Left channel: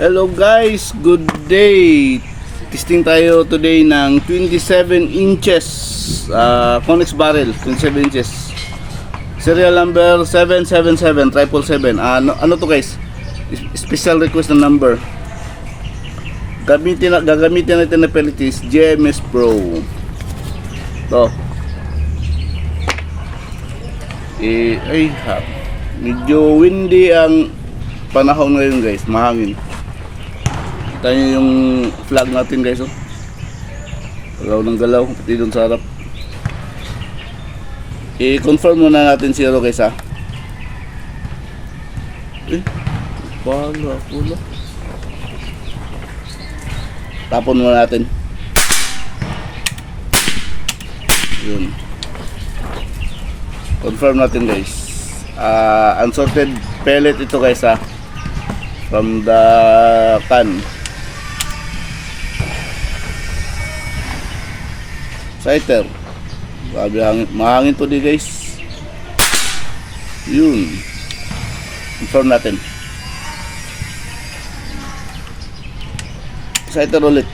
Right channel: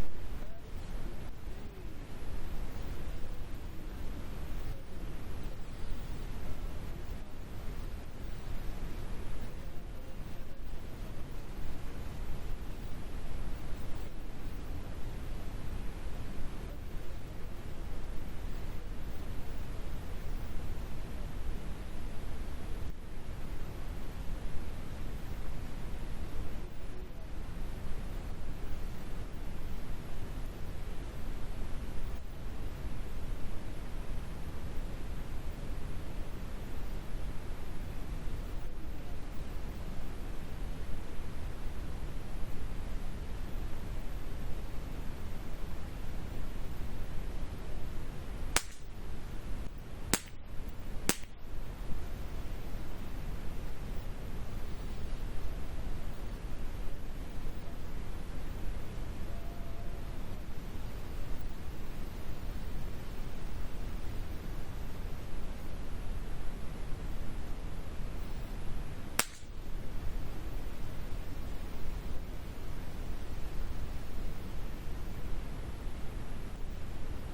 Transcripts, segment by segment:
Hello guys, good day. Testing tayo today ng 27 inches Conex barrel, 27 inches. Serial number 777 ano to guys? Special request na number. Gagamitin natin na pellet is GMS Pro. To. Medyo windy ang panahon ngayon guys, mahangin. Tayo yung flag natin guys, oh. Galaw ng galaw, pati doon sa harap. I-confirm muna natin zero guys, ha. Pala. Tapon muna natin. Yun. Confirm natin guys. Unsorted pellet ito guys, ha. From the can. Sighter. Grabe mahangin to di guys. Yun. Confirm natin. Sighter ulit.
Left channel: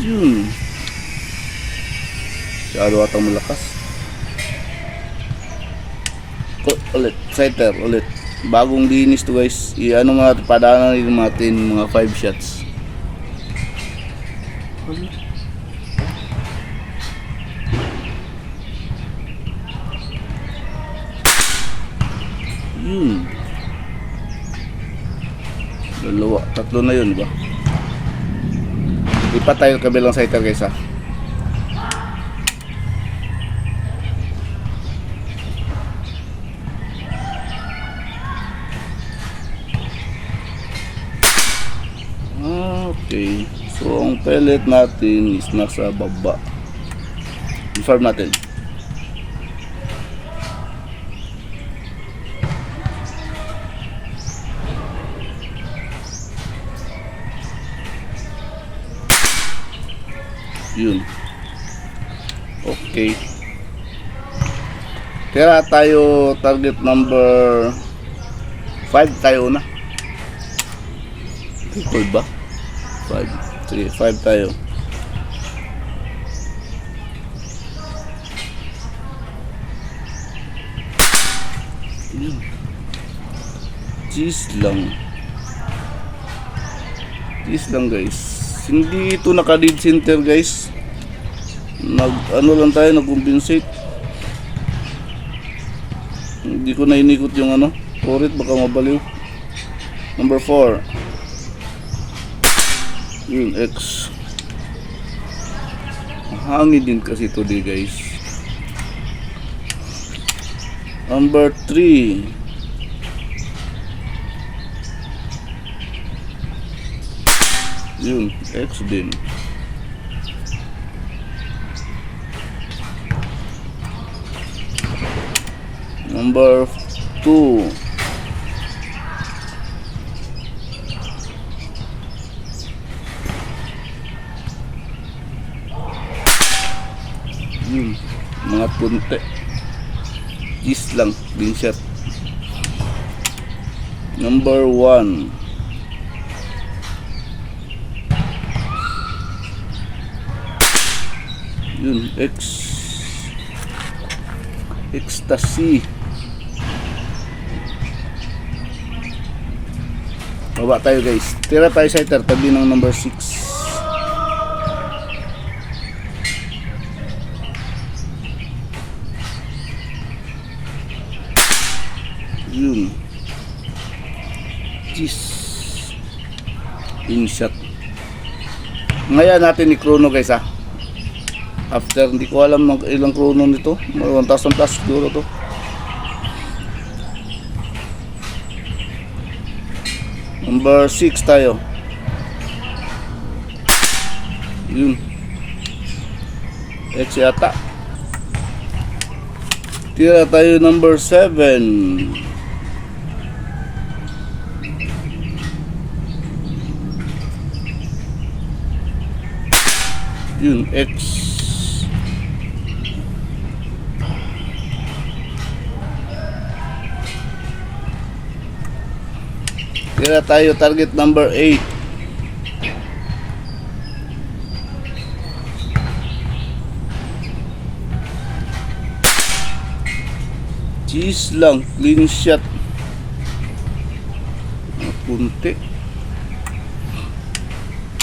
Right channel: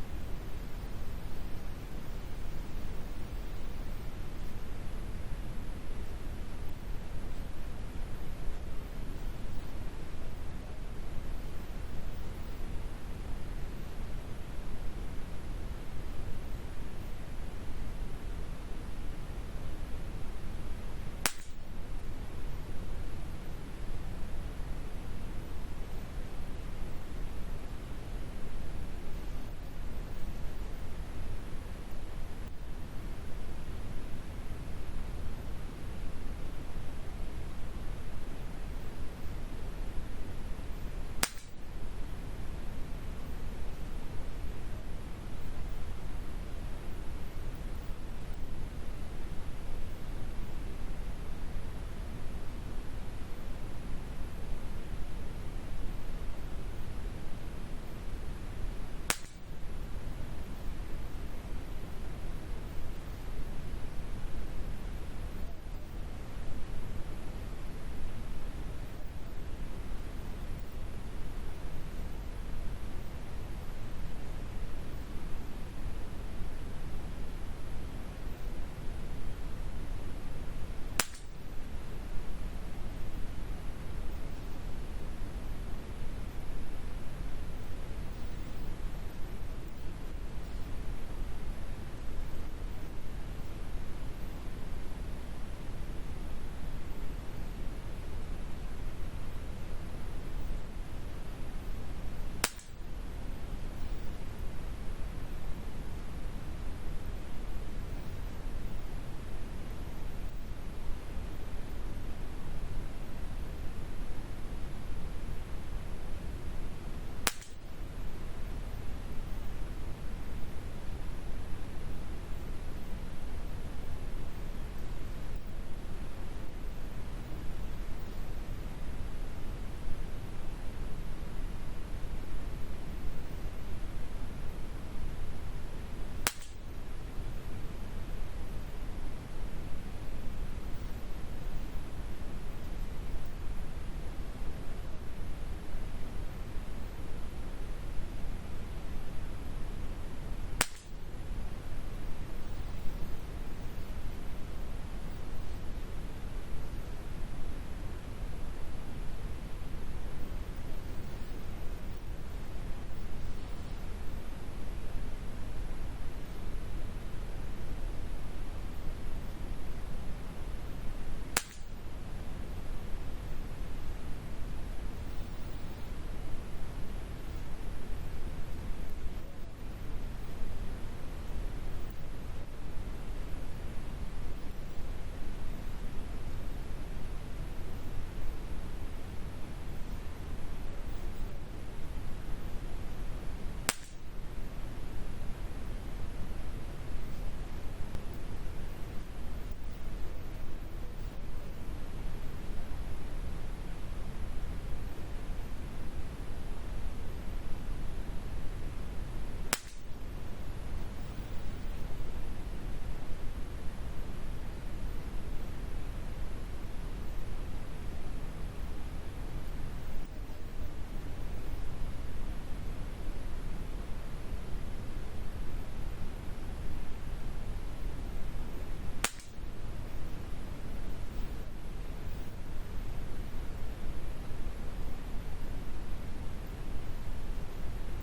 Yun. Masyado atang malakas. Ulit. Sighter ulit. Bagong linis to guys. I-ano mga padaanan natin mga 5 shots. Yun. Dalawa, tatlo na yun, ba? Ipat tayo kabilang sighter guys, ha. Okay, so ang pellet natin is nasa baba. Confirm natin. Yun. Okay. Kaya tayo target number 5 tayo na. 5 ba? 5 tayo. Cheese lang guys. Hindi ito naka dead center guys. Ano lang tayo, nag-compensate. Hindi ko na inikot yung ano Torit, baka mabaliw. Number 4. Yun, X. Hangin din kasi ito di guys. Number 3. Yun, X din. Number 2. Mga punte. Cheese lang, din shot. Number 1. Yun, ecstasy. Baba tayo guys. Tira tayo sighter tabi ng number 6. Yun. Cheese. Inshot. Ngayon natin i-chrono guys, ha. After, hindi ko alam ilang chrono nito. 1,000 plus siguro to. Number 6 tayo. Yun. X yata. Tira tayo number 7. Yun, X. Tira tayo target number 8. Cheese lang, clean shot. Punti.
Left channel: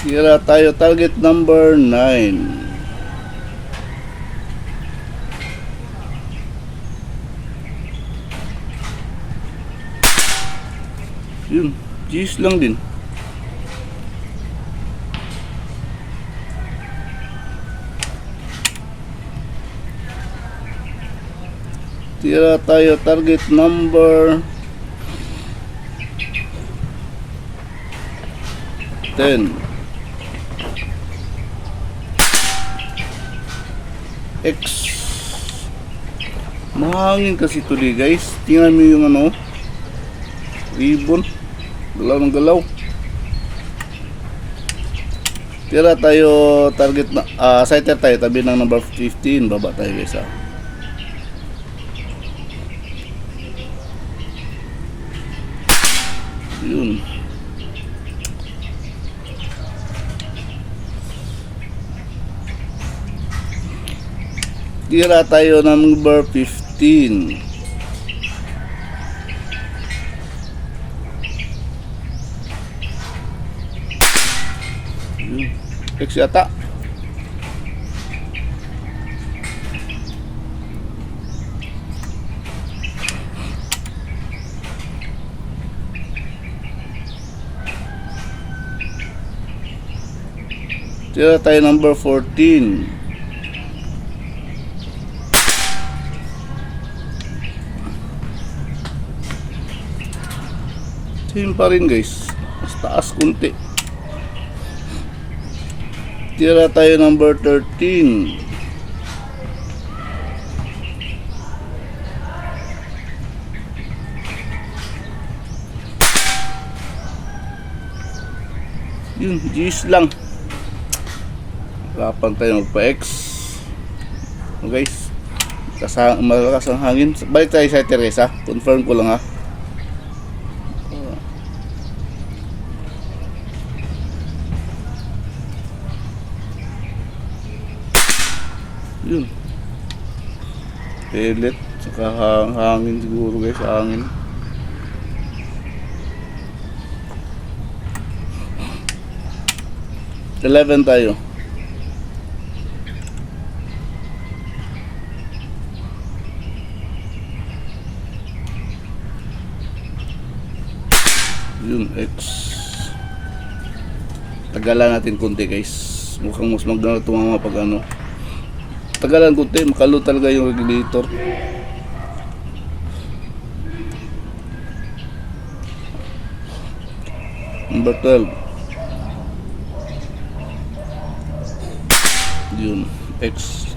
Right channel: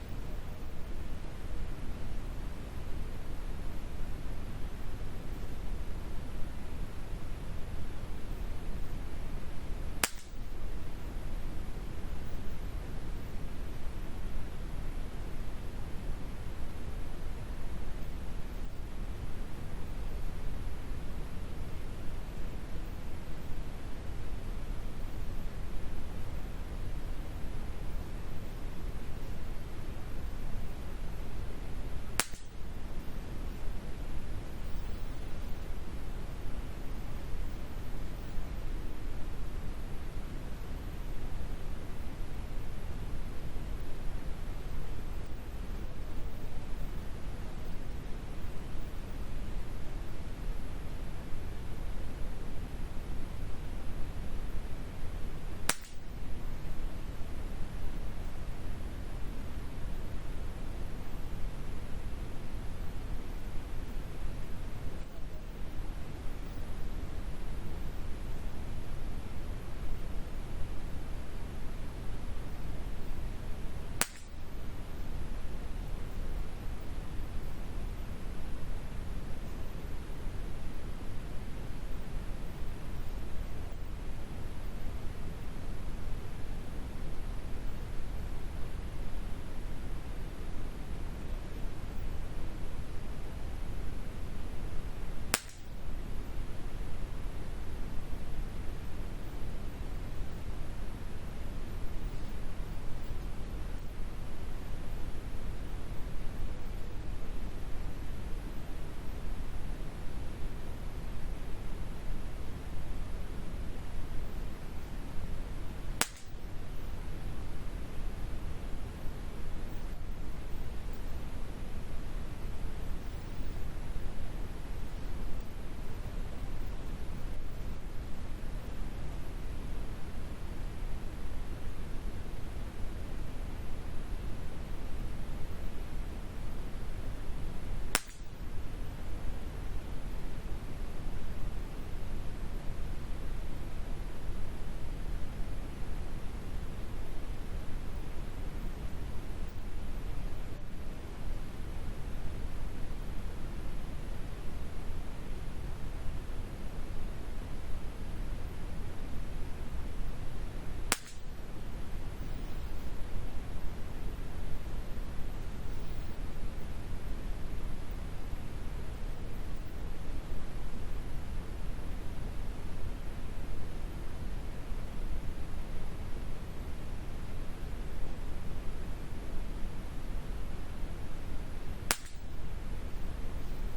Tira tayo target number 9. Yun, cheese lang din. Tira tayo target number 10. X. Mahangin kasi today guys. Tingnan mo yung ano, ribbon. Galaw ng galaw. Tira tayo target na sighter tayo tabi ng number 15. Baba tayo guys ha. Yun. Tira tayo number 15. X yata. Tira tayo number 14. Same pa rin guys. Mas taas kunti. Tira tayo number 13. Yun, G's lang. Hirapan tayo magpa-X. Guys, malakas ang hangin. Balik tayo sa Teresa. Confirm ko lang ha. Yun. Pellet. Saka hangin siguro guys. Hangin. $11 tayo. Yun, X. Tagalan natin konti guys. Mukhang mas maganda tumama pag ano. Tagalan konti, makalo talaga yung regulator. Number 12. Yun, X.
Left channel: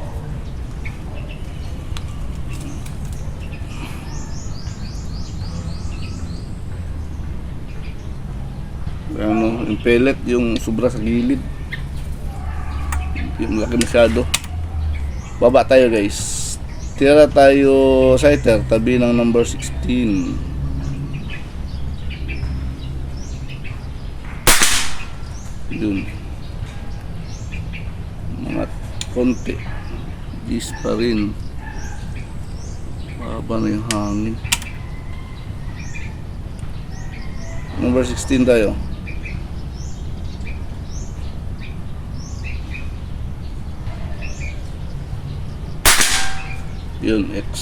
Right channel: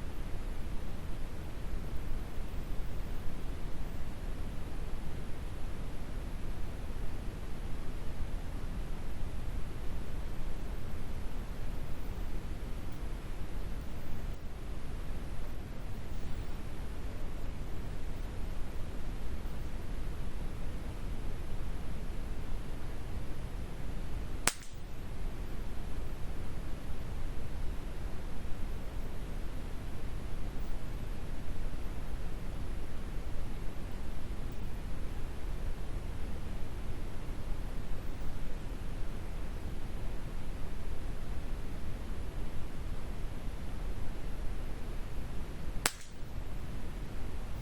Ano, yung pellet, yung sobra sa gilid. Yung laki masyado. Baba tayo guys. Tira tayo sighter, tabi ng number 16. Yun. Mga konti. Gis pa rin. Baba na yung hangin. Number 16 tayo. Yun, X.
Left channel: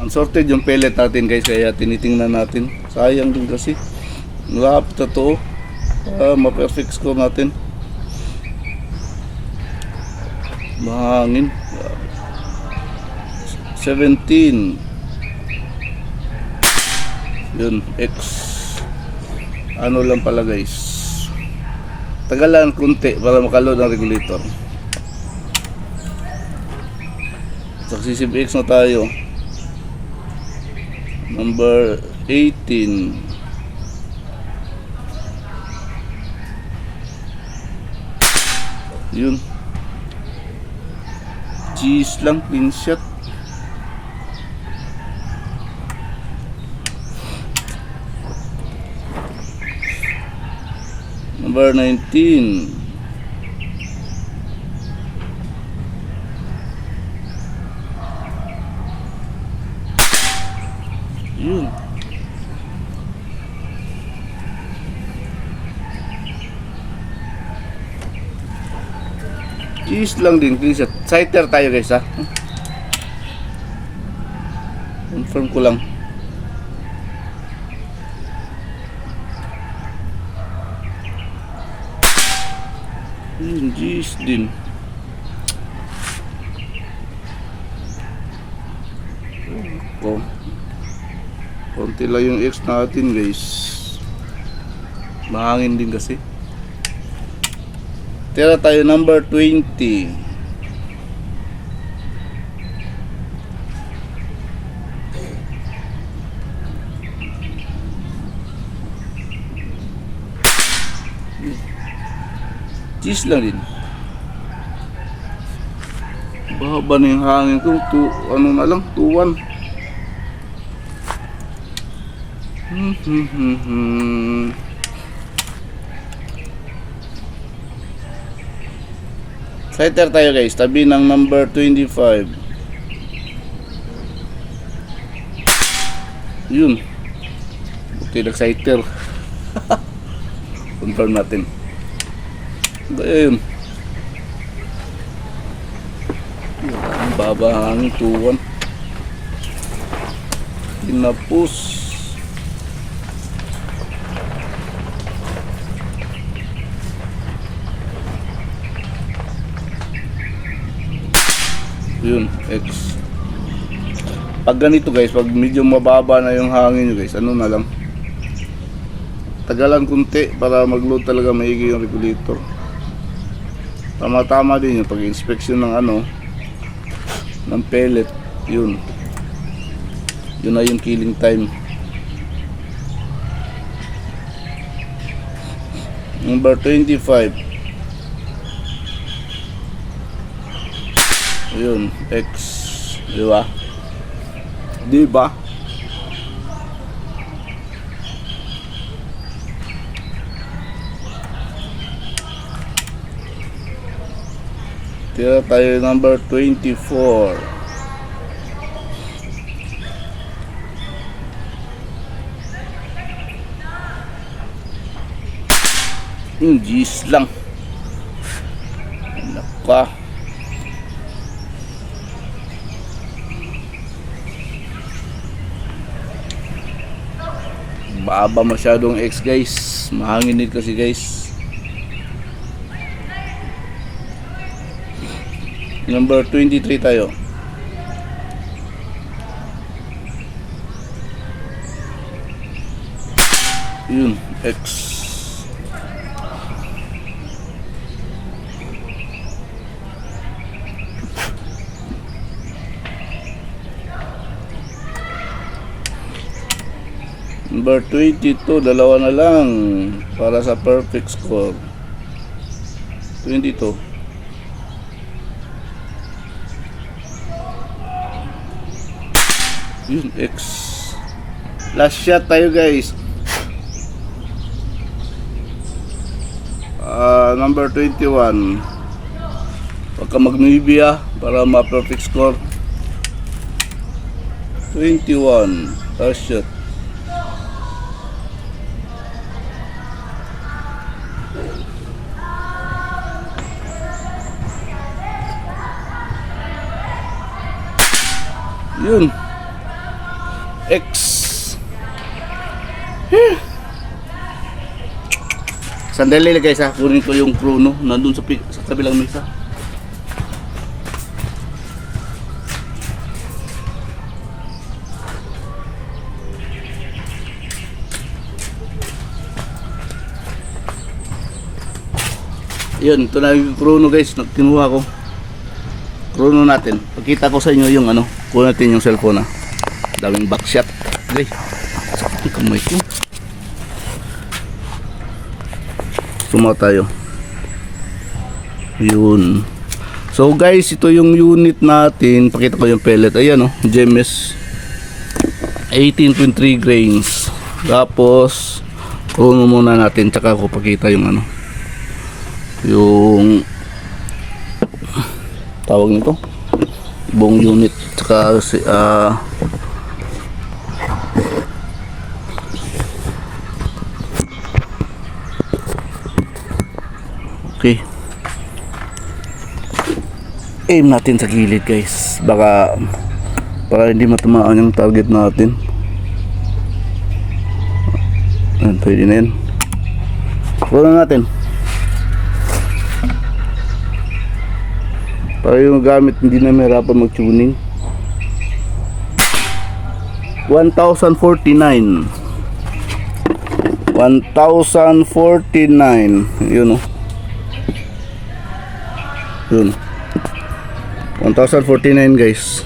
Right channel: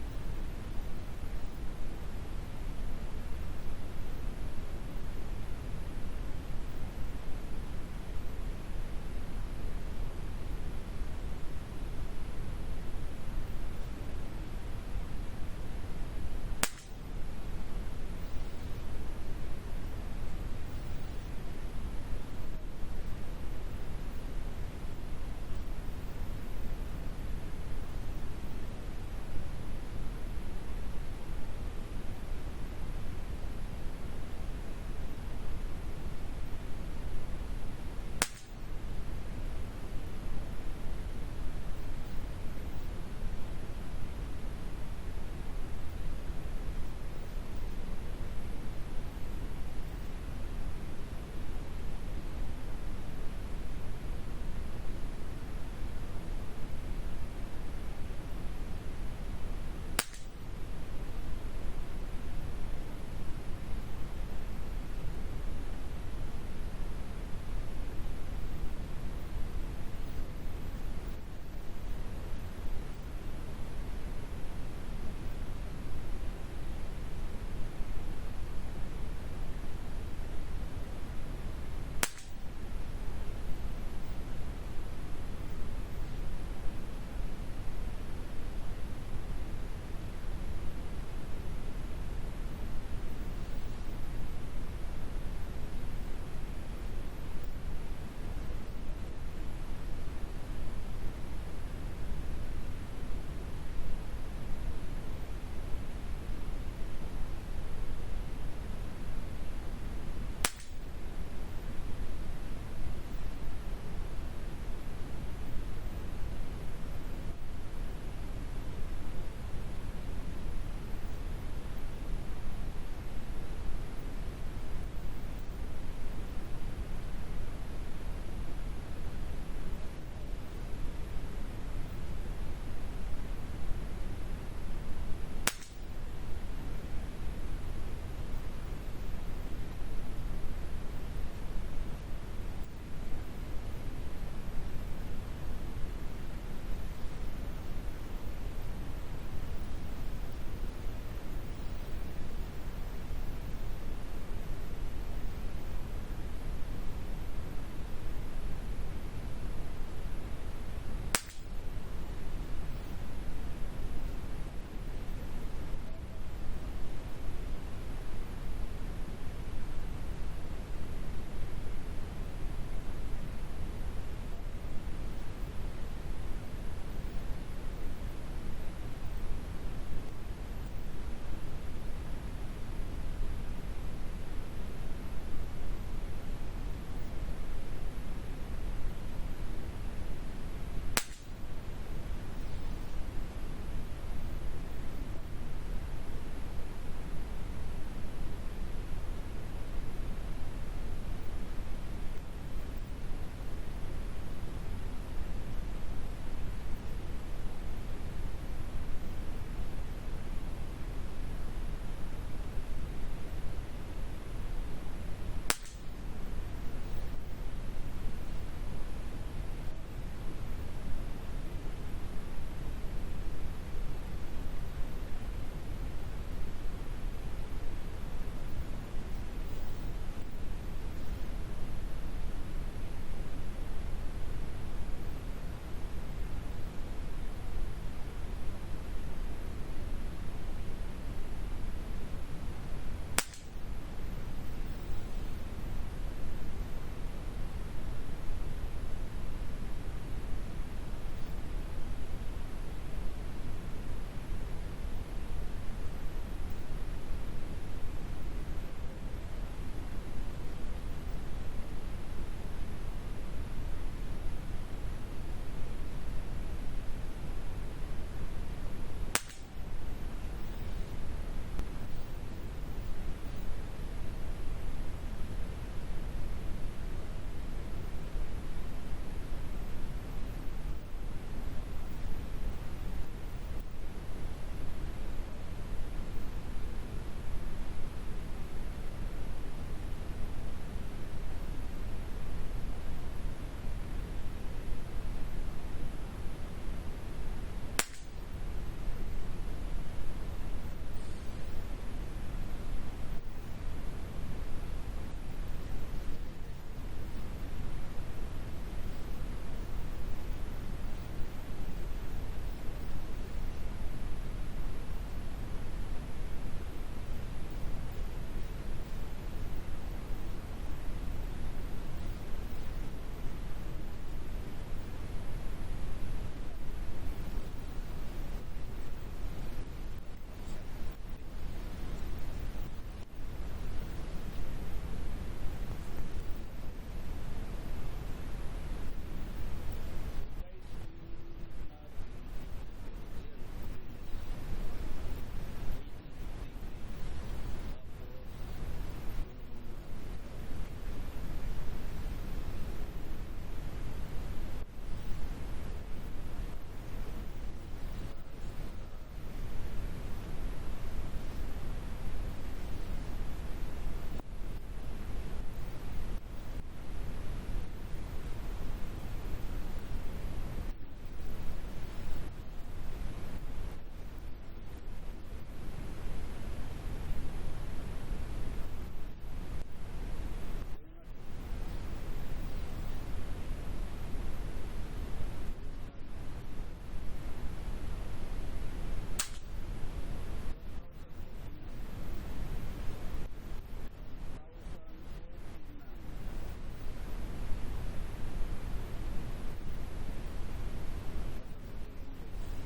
Unsorted yung pellet natin guys, kaya tinitingnan natin. Sayang din kasi. Malapit na to. Ma-perfect score natin. Mahangin. 17. Yun, X. Ano lang pala guys. Tagalan kunti para makaload ang regulator. Successive X na tayo. Number 18. Yun. Cheese lang, clean shot. Number 19. Yun. Cheese lang din, please. Cider tayo guys ha. Confirm ko lang. Yun, cheese din. Oh. Konti lang yung X natin guys. Mahangin din kasi. Tira tayo number 20. Cheese lang din. Baba na yung hangin ko. Ano na lang, 2-1. Cider tayo guys, tabi ng number 25. Yun. Okay, nag-cider. Confirm natin. Ayun. Ang baba hangin, 2-1. Kinapos. Yun, X. Pag ganito guys, pag medyo mababa na yung hangin nyo guys, ano na lang, tagalan kunti para mag-load talaga maigi yung regulator. Tama-tama din yung pag-inspection ng ano, ng pellet. Yun na yung killing time. Number 25. Yun, X. Diba? Diba? Tira tayo number 24. Yung G's lang. Naka. Baba masyadong X guys. Mahangin din kasi guys. Number 23 tayo. Yun, X. Number 22, dalawa na lang para sa perfect score. 22. Yun, X. Last shot tayo guys. Number 21. Huwag ka mag-Nubia para ma-perfect score. 21. Last shot. Yun. X. Sandali lang guys ha. Kunin ko yung chrono. Nandun sa kabilang mesa. Yun. Ito na yung chrono guys. Kinuha ko. Chrono natin. Pagkita ko sa inyo yung ano. Kuha natin yung cellphone ha. Daming backshot. Okay. Sakit yung kamay ko. Suma tayo. Yun. So guys, ito yung unit natin. Pakita ko yung pellet. Ayan o. GMS 18.3 grains. Tapos chrono muna natin. Tsaka ko pakita yung ano. yung tawag nito, buong unit, tsaka okay, aim natin sa gilid guys, baka para hindi matamaan yung target natin. Ayan, pwede na yan. Wala natin para yung gamit hindi na mahirapan mag-tuning. 1049 yun, oh. Yun 1049 guys.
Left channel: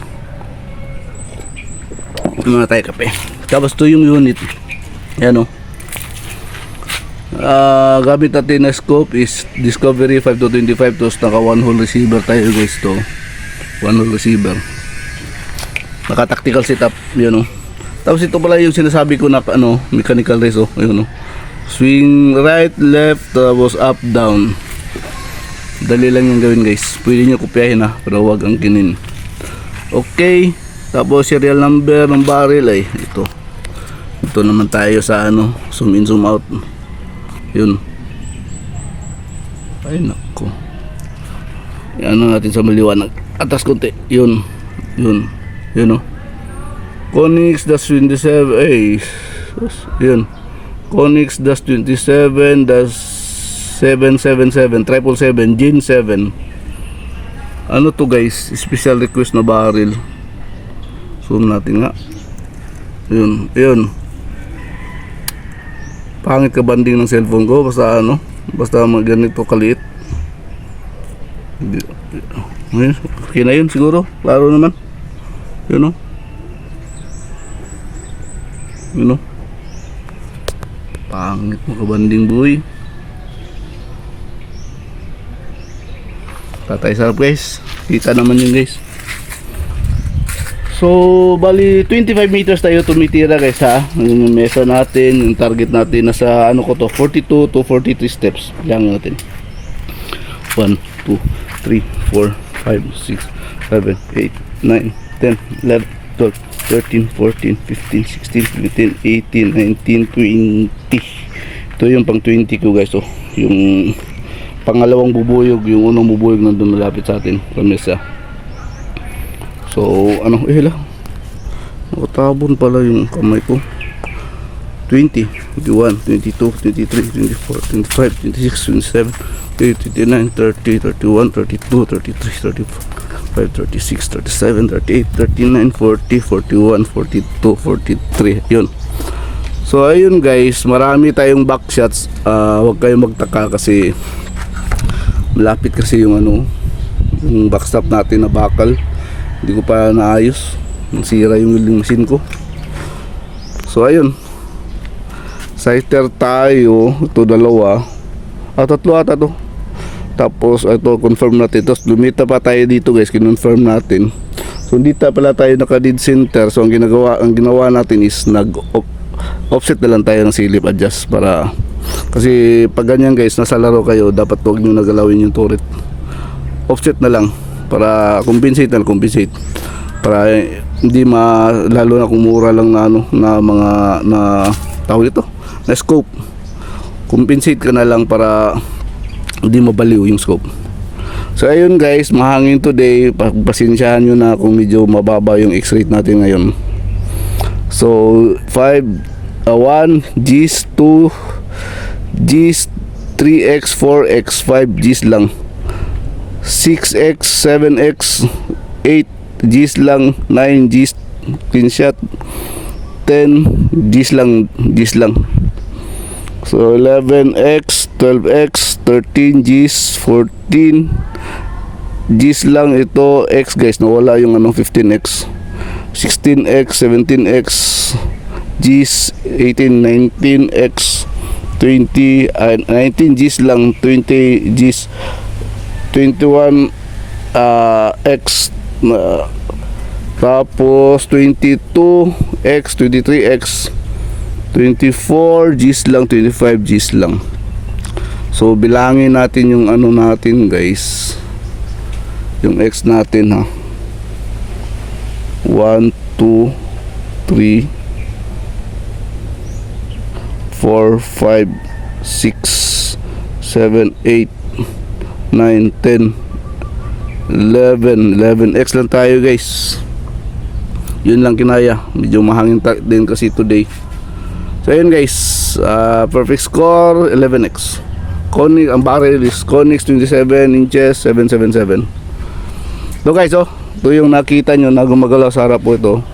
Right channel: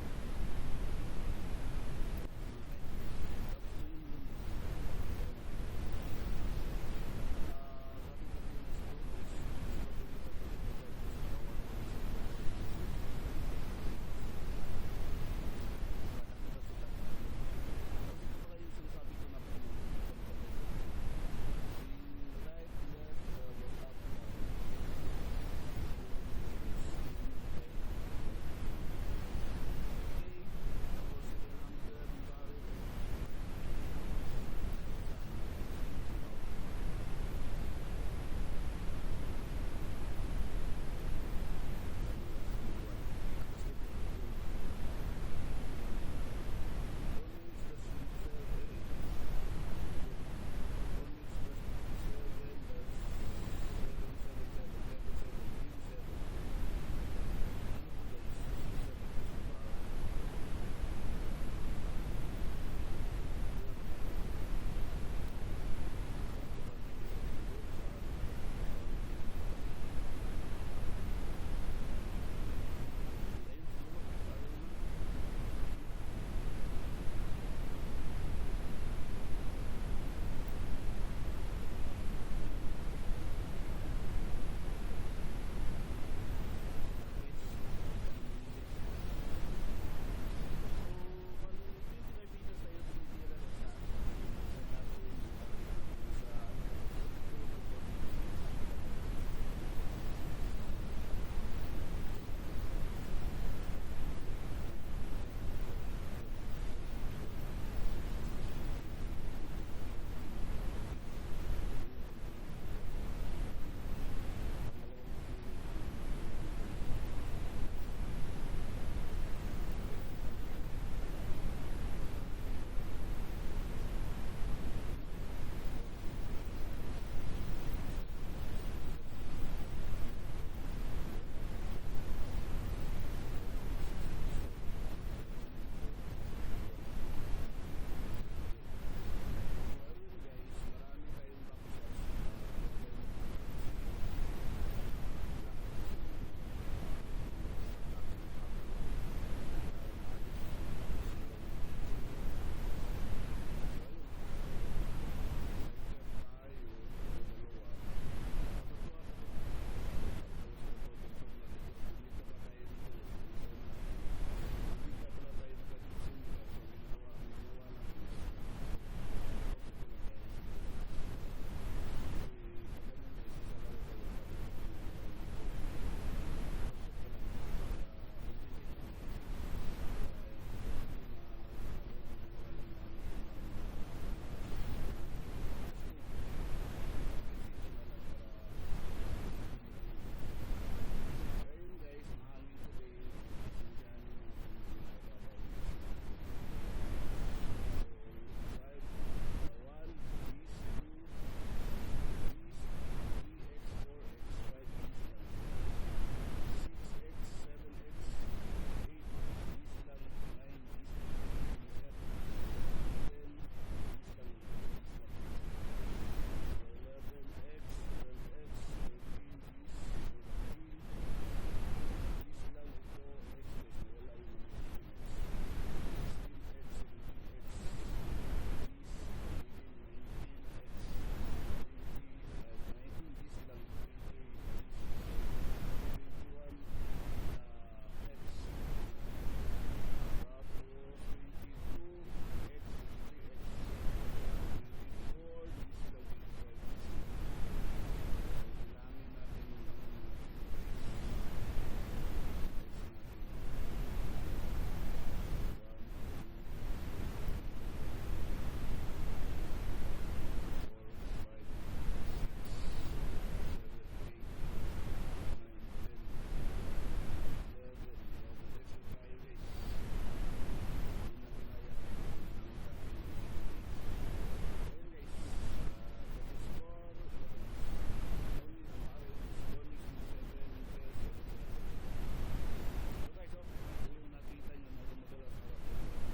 Muna tayo kape. Tapos to yung unit. Yan, oh. Gamit natin na scope is Discovery 5-25. Tapos naka one hole receiver tayo guys. To one hole receiver, naka tactical setup. Yan, oh. Tapos ito pala yung sinasabi ko na ano, mechanical race, oh. Ayun, oh. Swing right, left, tapos up, down. Dali lang yung gawin guys. Pwede nyo kopyahin, ha, pero wag ang kinin. Okay. Tapos serial number ng barrel ay ito. Ito naman tayo sa ano, zoom in, zoom out. Yun. Ay nako. Yan na natin sa maliwanag. Atas konti. Yun. Yun. Yun, oh. Konix-27. Ay. Yun. Konix-27-777 777 Gen 7. Ano to guys? Special request na barrel. Zoom natin nga. Yun. Yun. Pangit ka banding ng cellphone ko. Basta ano. Basta ganito kaliit. Okay na yun siguro. Klaro naman. Yun, oh. Yun, oh. Pangit mo kabanding boy. Tatay sarap guys. Kita naman yun guys. So bali 25 meters tayo tumitira guys, ha. Yung mesa natin, yung target natin nasa ano ko to, 42 to 43 steps lang natin. 1, 2, 3, 4, 5, 6, 7, 8, 9, 10, 11, 12, 13, 14, 15, 16, 17, 18, 19, 20. Ito yung pang 20 ko guys, oh. Yung pangalawang bubuyog, yung unang bubuyog nandun malapit sa atin sa mesa. So ano, lang nakatabon pala yung kamay ko. 20, 21, 22, 23, 24, 25, 26, 27, 29, 30, 31, 32, 33, 35, 36, 37, 38, 39, 40, 41, 42, 43. Yun. So ayun guys, marami tayong back shots. Huwag kayong magtaka kasi malapit kasi yung ano, yung backstop natin na bakal. Hindi ko pa naayos. Nasira yung welding machine ko. So ayun. Sighter tayo. Ito dalawa. Tatlo ata to. Tapos ito confirm natin. Tapos lumita pa tayo dito guys. Kinonfirm natin. So dito pala tayo naka dead center. So ang ginawa natin is offset na lang tayo ng silip adjust para, kasi pag ganyan guys nasa laro kayo, dapat huwag nyo nagalawin yung turret. Offset na lang para compensate para hindi lalo na kung mura lang na ano, na mga na tawag ito na scope. Compensate ka na lang para hindi mabaliw yung scope. So ayun guys, mahangin today. Pagpasensyahan nyo na kung medyo mababa yung X-rate natin ngayon. So 1 Gs, 2 Gs, 3x, 4x, 5 Gs lang, 6x, 7x, 8 Gs lang, 9 Gs screenshot, 10 Gs lang, so 11x, 12x, 13 Gs, 14 Gs lang. Ito x guys, nawala yung anong 15x, 16x, 17x Gs, 18, 19x, 20, 19 Gs lang, 20 Gs, 21 x, tapos 22x, 23x, 24 Gs lang, 25 Gs lang. So bilangin natin yung ano natin guys, yung X natin ha. 1, 2, 3, 4, 5, 6, 7, 8, 9, 10, 11 X lang tayo guys. Yun lang kinaya. Medyo mahangin din kasi today. So yun guys, perfect score 11X. Konix, ang barrel is Konix 27 inches 777. So guys, ito yung nakita nyo na gumagalaw sa harap po ito.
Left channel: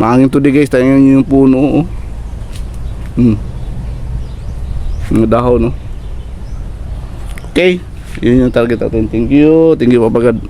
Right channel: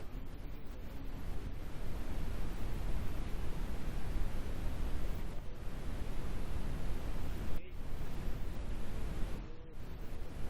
Mahangin today guys, tingnan nyo yung puno. Yung dahon, no? Okay, yun yung target natin. Thank you papagad.